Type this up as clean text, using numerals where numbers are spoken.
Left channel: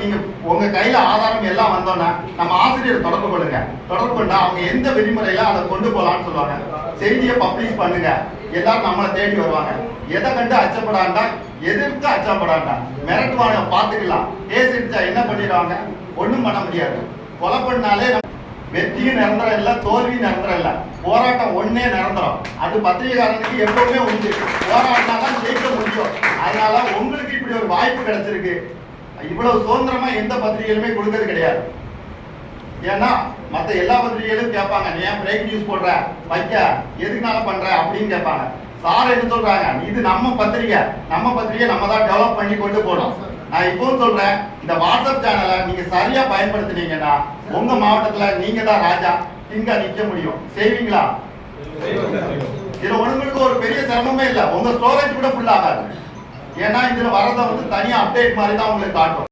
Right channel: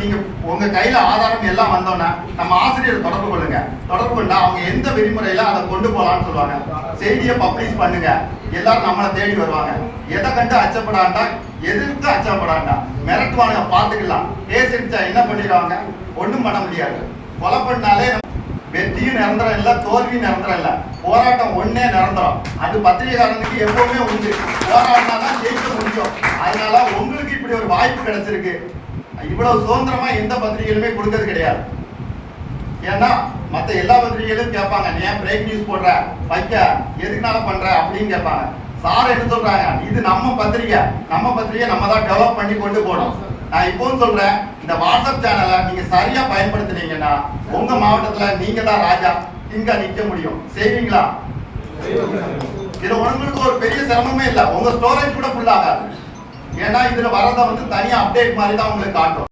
நீங்க உங்க கையில ஆதாரம் எல்லாம் வந்தோன்னா நம்ம ஆசிரியர் தொடர்பு கொள்ளுங்க. தொடர்பு கொண்டா அவங்க எந்த விதிமுறையில அதை கொண்டு போகலான்னு சொல்லுவாங்க. செய்தியை பப்ளிஷ் பண்ணுங்க, எல்லாரும் நம்மளை தேடி வருவாங்க. எதை கண்டு அச்சப்படாண்டா, எதிர்த்து அச்சப்படாண்டா, மிரட்டுவாங்க, பார்த்துக்கலாம். பேசிடுச்சா என்ன பண்ணிடுவாங்க, ஒன்றும் பண்ண முடியாது. கொலை பண்ணாலே வெற்றியும் நிரந்தரம் இல்லை, தோல்வியும் நிரந்தரம் இல்லை. போராட்டம் ஒன்னே நிரந்தரம். அது பத்திரிகைக்காரனுக்கு எப்பவுமே உண்டு. போராடினா தான் ஜெயிக்க முடியும். அதனால உங்களுக்கு இப்படி ஒரு வாய்ப்பு கிடைச்சிருக்கு. இவ்வளவு சுதந்திரமா எந்த பத்திரிகைகளுமே கொடுக்கறது கிடையாது. ஏன்னா மற்ற எல்லா பத்திரிகைகளும் கேட்பாங்க, நீ ஏன் பிரேக் நியூஸ் போடுற, வைக்க எதுக்குனால பண்ற அப்படின்னு கேட்பாங்க. சார் என்ன சொல்றாங்க, இது நம்ம பத்திரிகை நம்ம தான் டெவலப் பண்ணி கொண்டு போகணும். நான் இப்பவும் சொல்றேன், இந்த வாட்ஸ்அப் சேனலை நீங்க சரியா பயன்படுத்தினீங்கன்னா உங்க மாவட்டத்துல நீங்க தான் ராஜா, இங்க நிக்க முடியும். செய்வீங்களா? இதுல உங்களுக்கு ஒரு பெரிய சிரமமே இல்லை. உங்க ஸ்டோரேஜ் கூட ஃபுல் ஆகாது. ஏன்னா இதுல வரத தனியா அப்டேட் மாதிரி தான் உங்களுக்கு காட்டும்.